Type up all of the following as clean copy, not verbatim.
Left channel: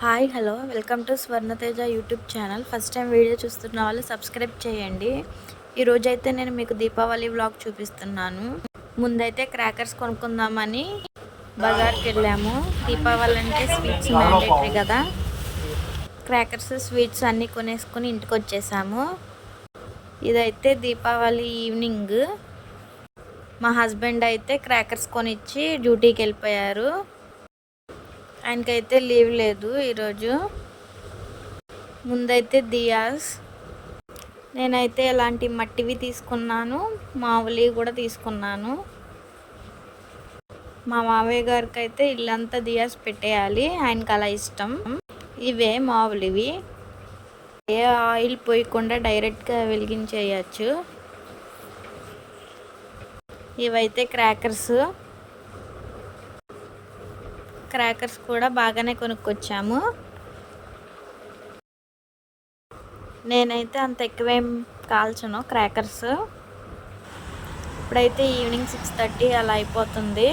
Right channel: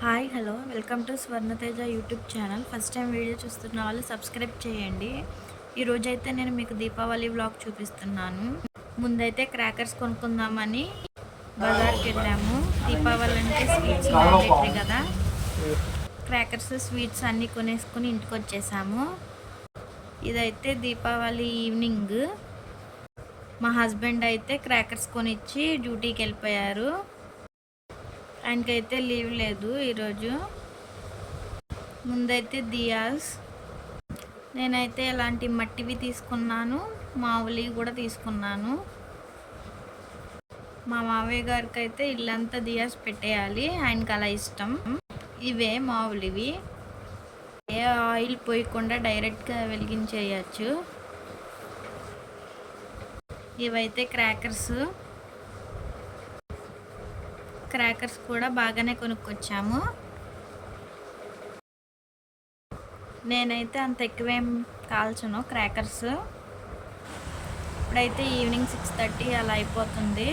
Hi hello welcome to Swarnateja YouTube channel. First time video చూస్తున్న వాళ్ళు subscribe చేయండి. ఈరోజైతే నేను మీకు దీపావళి వ్లాగ్ చూపిస్తున్నాను. ముందైతే క్రాకర్స్ కొనుక్కుందామని బజార్కి వెళ్ళాము. దీపావళి అంటే స్వీట్స్ మ్యాండేటరీ కదా. క్రాకర్స్ స్వీట్స్ అన్నీ కొనేసుకొని ఇంటికి వచ్చేసాము. ఇదైతే దీపావళి ఈవినింగ్. మా హస్బెండ్ అయితే క్రాకర్స్ కొనిచ్చి డ్యూటీకి వెళ్ళిపోయారు. ఆయనకైతే లీవ్ లేదు ఈరోజు. ముందైతే దియాస్, నేనైతే ఇలాంటి మట్టివి తీసుకున్నాను, మామూలు కూడా తీసుకున్నాను. మా మావయ్య గారికి అయితే ఇల్లంతా దియాస్ పెట్టేయాలి, ఆయనకి అలా ఇష్టం. ఇవే మామూలువి, ఏ ఆయిల్ పోయకుండా డైరెక్ట్గా వెలిగించేయచ్చు. ఇవైతే క్రాకర్స్ కూడా బాగానే కొనుక్కొచ్చాము. నేనైతే అంత ఎక్కువేం కాల్చను క్రాకర్స్. ఇప్పుడైతే ఈవినింగ్ 6:30 అలా అయిపోతుంది.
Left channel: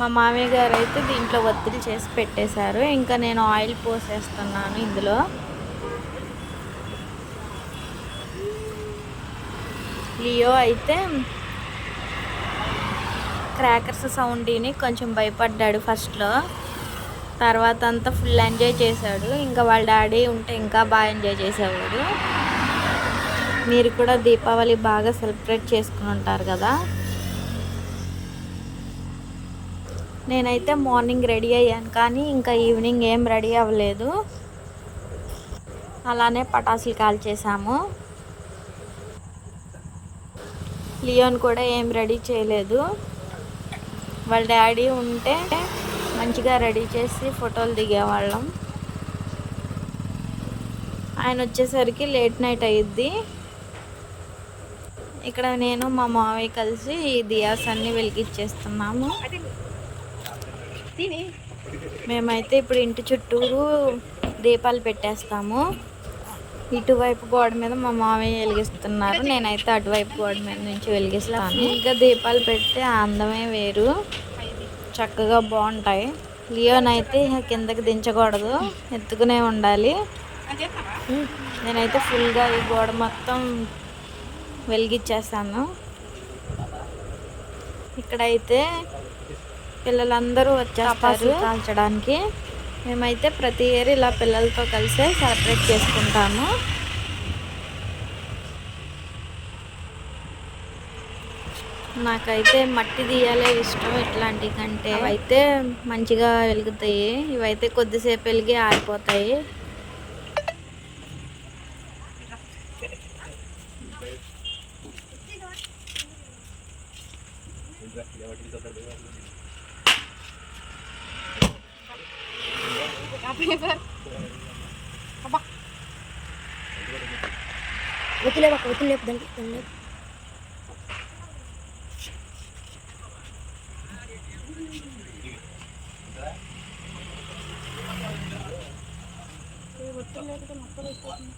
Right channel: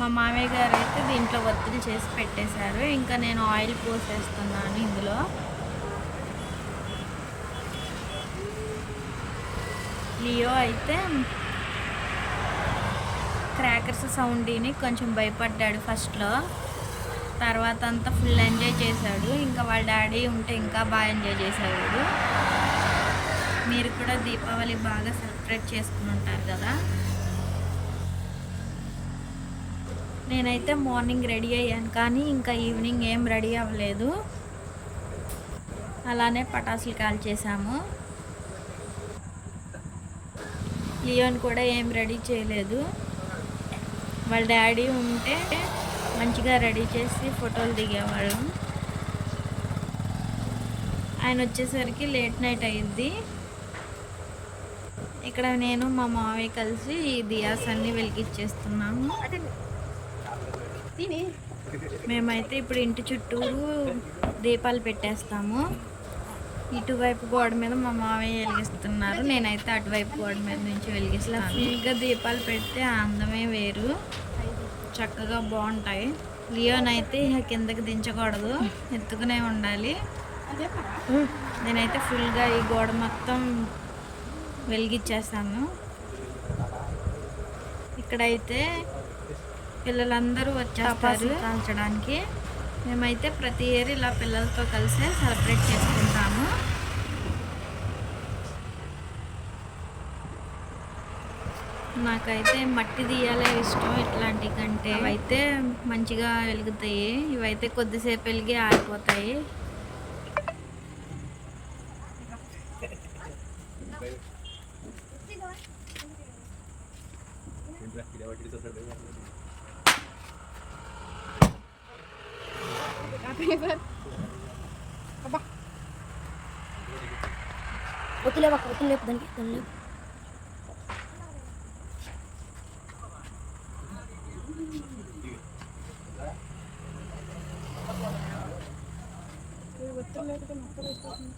మా మామయ్య గారు అయితే దీంట్లో ఒత్తిడి చేసి పెట్టేశారు. ఇంకా నేను ఆయిల్ పోసేస్తున్నాను ఇందులో. లియో అయితే క్రాకర్స్ సౌండ్ విని కొంచెం భయపడ్డాడు ఫస్ట్లో. తర్వాత అంతా ఫుల్ ఎంజాయ్ చేశాడు. ఇంకా వాళ్ళ డాడీ ఉంటే ఇంకా బాగా ఎంజాయ్ చేసేవాడు. మీరు కూడా దీపావళి బాగా సెలబ్రేట్ చేసుకుని ఉంటారు కదా. నేనైతే మార్నింగ్ రెడీ అయ్యాను, కానీ ఇంకా ఈవినింగ్ ఏం రెడీ అవ్వలేదు. అలానే పటాసులు కాల్చేసాము. లియోన్ కూడా ఏం రెడీ చేయలేదు. వాళ్ళ డాడీ ఉంటే మంచిగా రెడీ చేసి ఫోటోలు దిగేవాళ్ళం. ఆయన వచ్చేసరికి లేట్ నైట్ అయ్యిద్ది. ఇక్కడ నేను మా మావయ్య కలిసి ఈ దియాస్ అన్నీ వెలిగించేస్తున్నాము. మేమైతే ఇప్పుడు ఇంటి చుట్టూరు దీపాలు పెట్టేస్తాము. ఇటువైపు గోడ మీద మా మావయ్య వెలిగిస్తున్నారు, నేనైతే అటువైపు గోడ మీద నుంచి వెలిగిస్తాను. ఇంకా దీపాలు పెడితే ఆ అందమే వేరు, చక్కగా బాగుంటాయి. లియోనైతే కిందకి దించకూడదు, ఎత్తుకునే ఉండాలి. నేనైతే ఫుల్గా ఈ గోడ మొత్తం వెలిగించేస్తాను. ఇక్కడైతే పిల్లలందరూ వచ్చేస్తారు కాల్చడానికి. మేమైతే ప్రతి ఇయర్ ఇలా పిల్లలతో కలిసే సెలబ్రేట్ చేసుకుంటాము. నాకైతే మట్టి దియాలే ఇష్టం ఇట్లాంటి కంటే. అవైతే మంచిగా వెలుగుతాయి, ఇవైతే కొద్దిసేపు వెలిగి ఆరిపోతాయి. ఒత్తులేపు దానికి ఒత్తులేకపోతే మొత్తం అయిపోతుంది.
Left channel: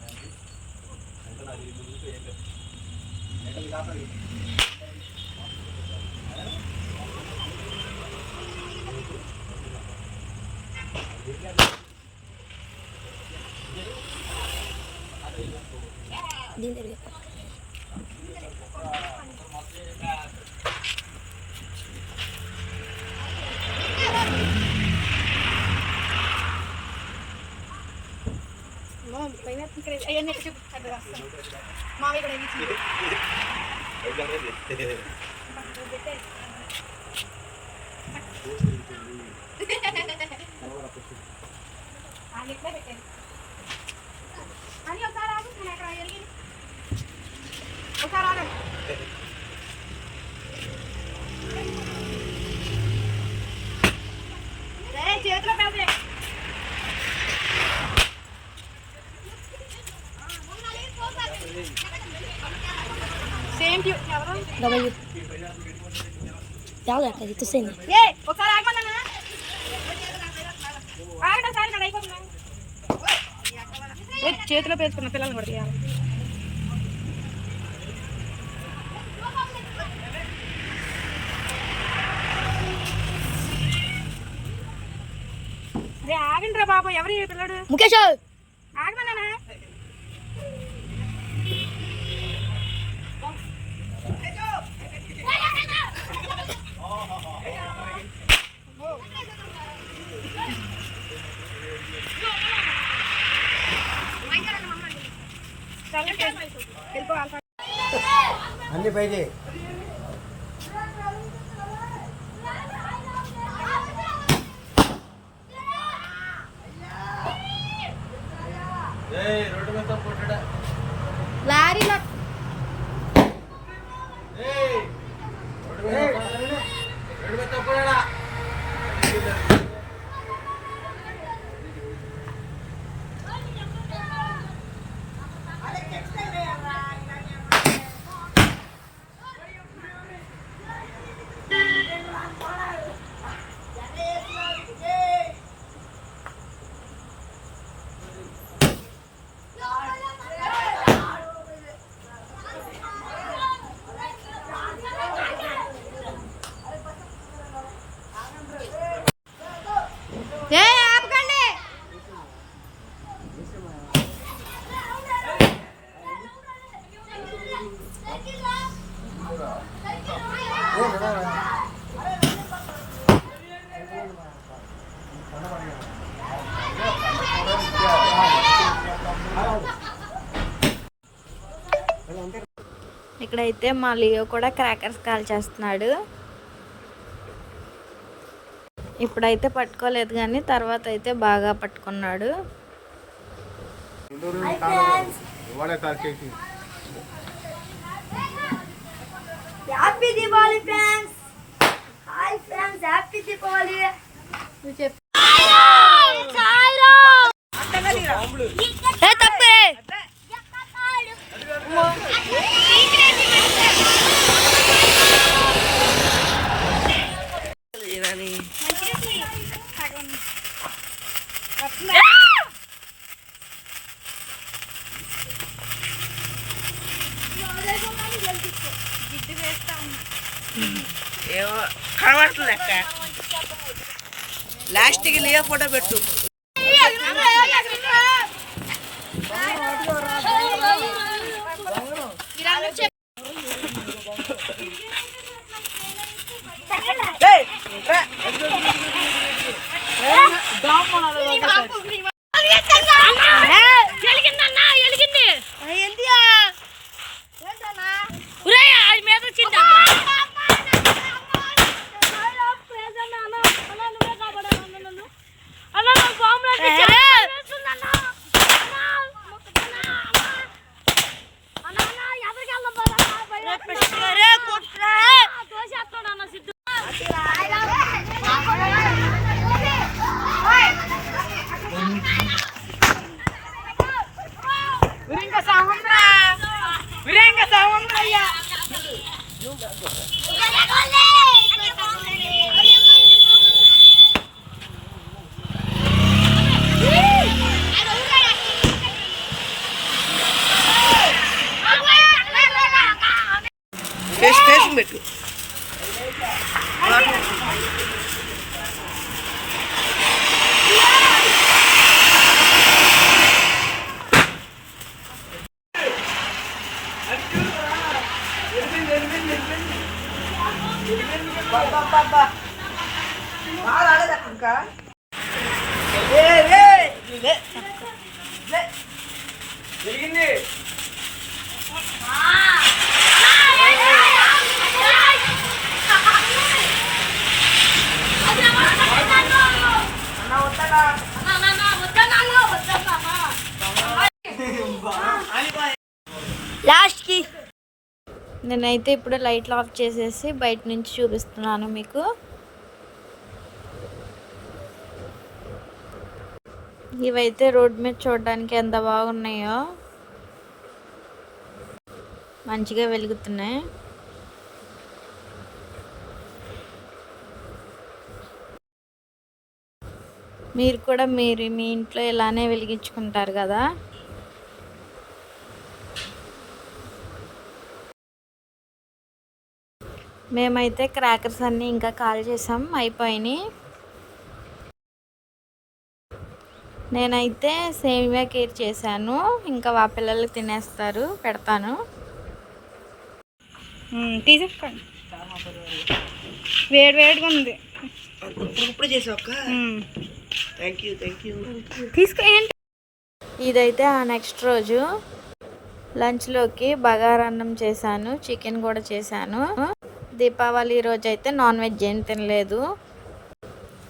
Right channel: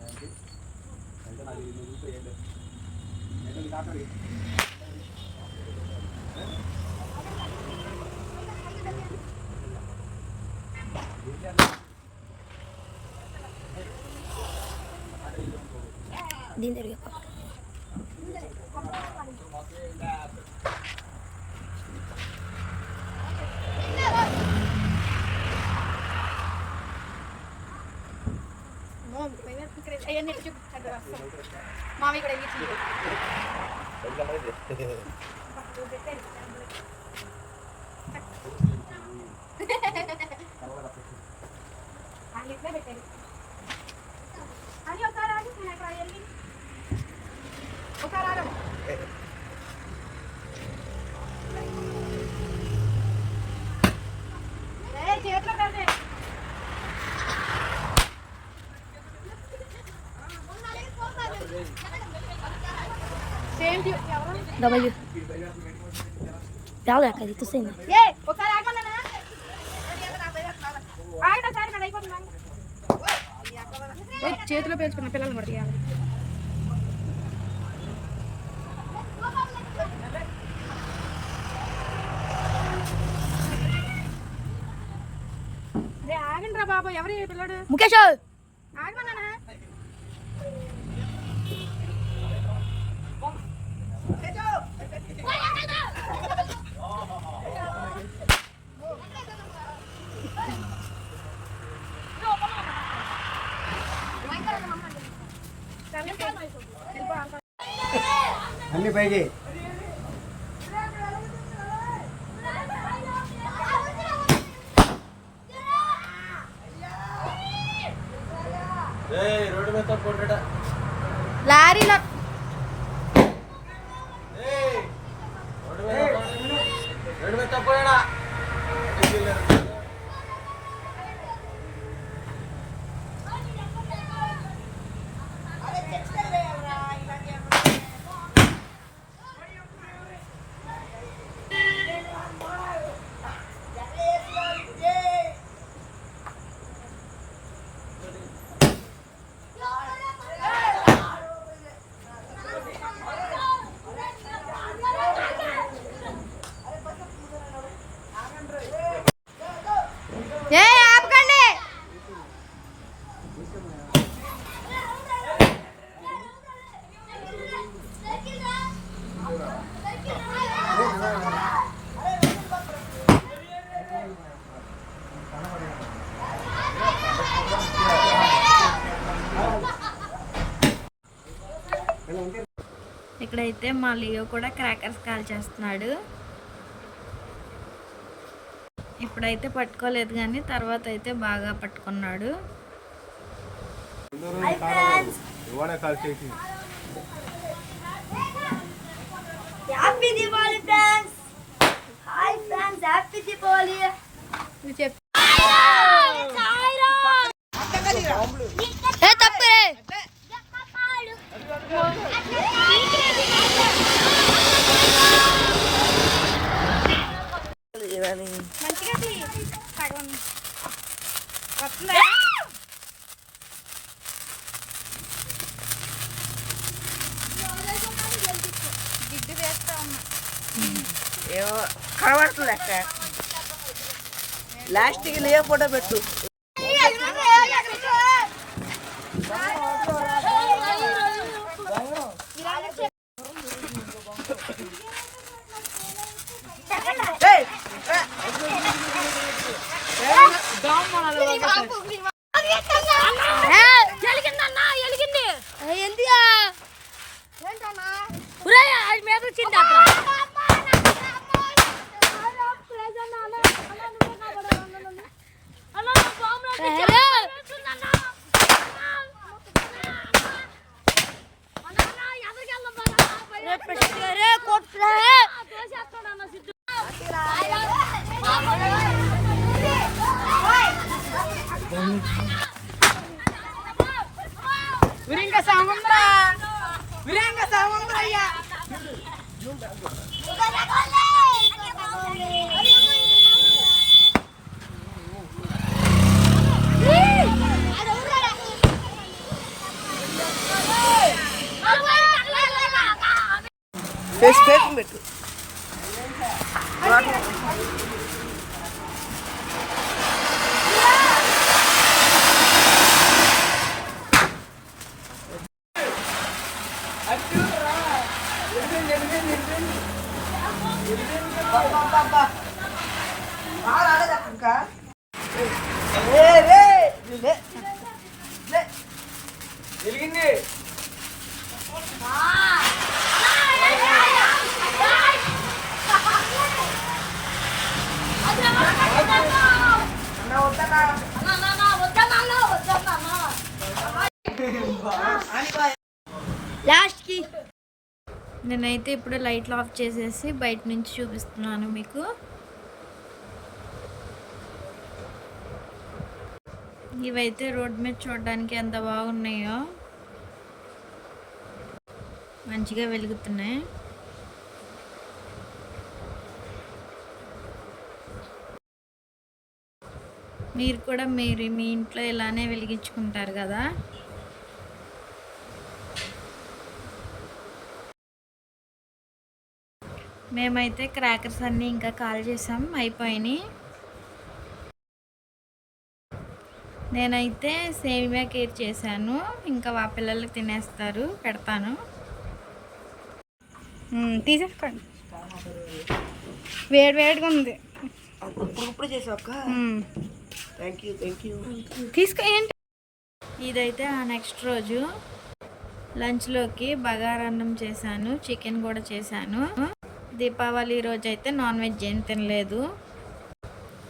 దీని దగ్గర మావి కూడా పెట్టాను అని ఒకసారి ఒకసారి చేతిలో పెడితే సేమ్ డబల్ చాలా అది తో సేమ్ ఒకసారి ఆగమన్నా ఆగటసారి అయిపోతున్నా చేతిలో పేర్చుకున్న పిల్లలు పడి ఆగండి రా బాబు, ఎవరు ఈ పిల్లడు? ముఖేష్ ఆగమన్నానా? అన్ని పైకి లారీలో ఆపకండి. ఇక్కడైతే మా లియో కూడా క్రాకర్స్ కాల్ చేస్తున్నాడు. ఇప్పుడైతే పట్టుకోలేదు కానీ తర్వాత అయితే బాగా పట్టుకున్నాడు. Happy Deepavali friends. Hi friends, happy Deepavali. తప్పే కనబడుతుంది అక్క. లాస్ట్కి లియో ఫోటో పెట్టు. విరంగ సౌందర్య కేసు పెట్టు. లాస్ట్కి నేనైతే ఇప్పుడు లైట్లు ఆఫ్ చేసేసి బయట నుంచి చూపిస్తున్నాను మీకు. ఇవైతే రోడ్ మీద చూడడానికి ఎంత బాగున్నాయో, మంచిగా వెలుగుతున్నాయి. మీరు కూడా మీ ఇంట్లో ఇలానే వెలిగించుకుంటారు కదా. మేమైతే క్రాకర్స్ అన్నీ ఇంకా కాల్ చేసాం, అయిపోయినాయి. నేనైతే సేమియా కేర్ చేశాను, ఇంకా ఆ పిల్లలు తినేస్తారు, పెడతాను. తీసేసుకోండి, వేడి వేడిగా ఉంది. ఇప్పుడు చేసావు అక్క. Thank you. తీసుకో. ఏంటి ఇదైతే ఆ నెక్స్ట్ రోజు లంచ్లోకి బగారన్నం చేశాను, చికెన్ కూడా చేశాను. దీపావళి రోజు అయితే నాన్ వెజ్ ఏం తినలేదు,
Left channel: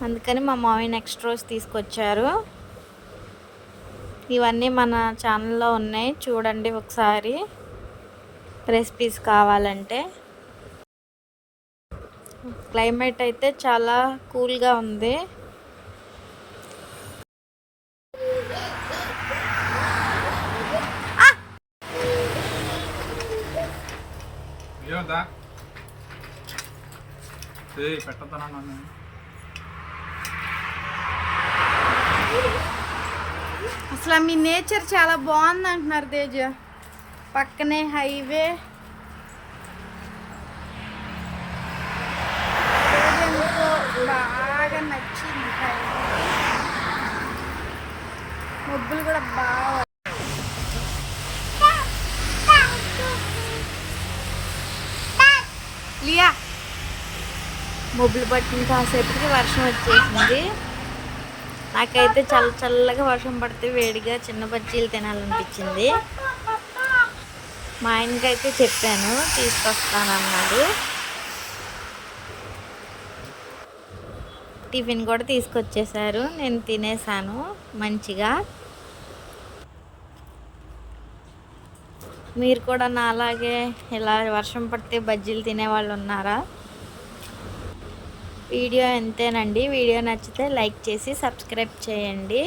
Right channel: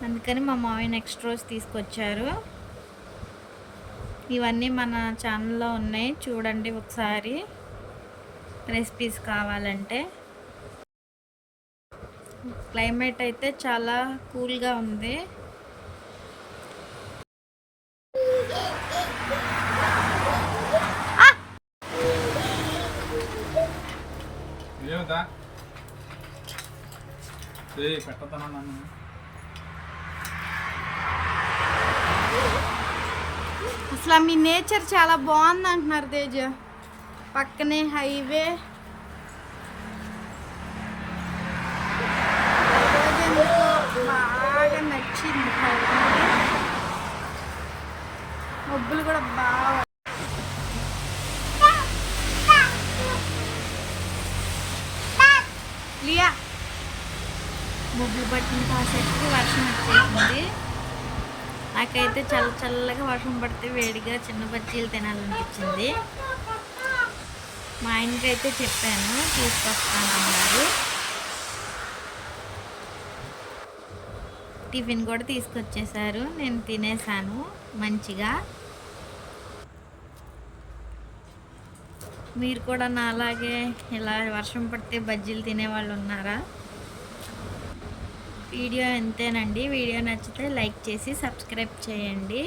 అందుకని మా మామయ్య నెక్స్ట్ రోజు తీసుకొచ్చారు. ఇవన్నీ మన ఛానల్లో ఉన్నాయి, చూడండి ఒకసారి రెసిపీస్ కావాలంటే. క్లైమేట్ అయితే చాలా కూల్గా ఉంది. ఏమవుతా పెట్టద్దన్నా నన్ను. అసలు మీ నేచర్ చాలా బాగుంది అంటున్నారు తేజ. పక్కనే హైవే. రోజెందుకో బాగా నచ్చింది హైవే. మబ్బులు కూడా బాగా. లియా మబ్బులు పట్టిన కాసేపటికి వర్షం వచ్చేసింది. నాకైతే చల్లగా వర్షం పడితే వేడిగా చిన్న బజ్జీలు తినాలనిపించింది. మా ఆయనకైతే చెప్పాను, తీసుకొస్తానన్నారు. టిఫిన్ కూడా తీసుకొచ్చేసారు, నేను తినేసాను మంచిగా. మీరు కూడా నా అలాగే ఇలా వర్షం పడితే బజ్జీలు తినేవాళ్ళు ఉన్నారా? వీడియో ఎంతేనండి. వీడియో నచ్చితే లైక్ చేసి సబ్స్క్రైబ్ చేయండి.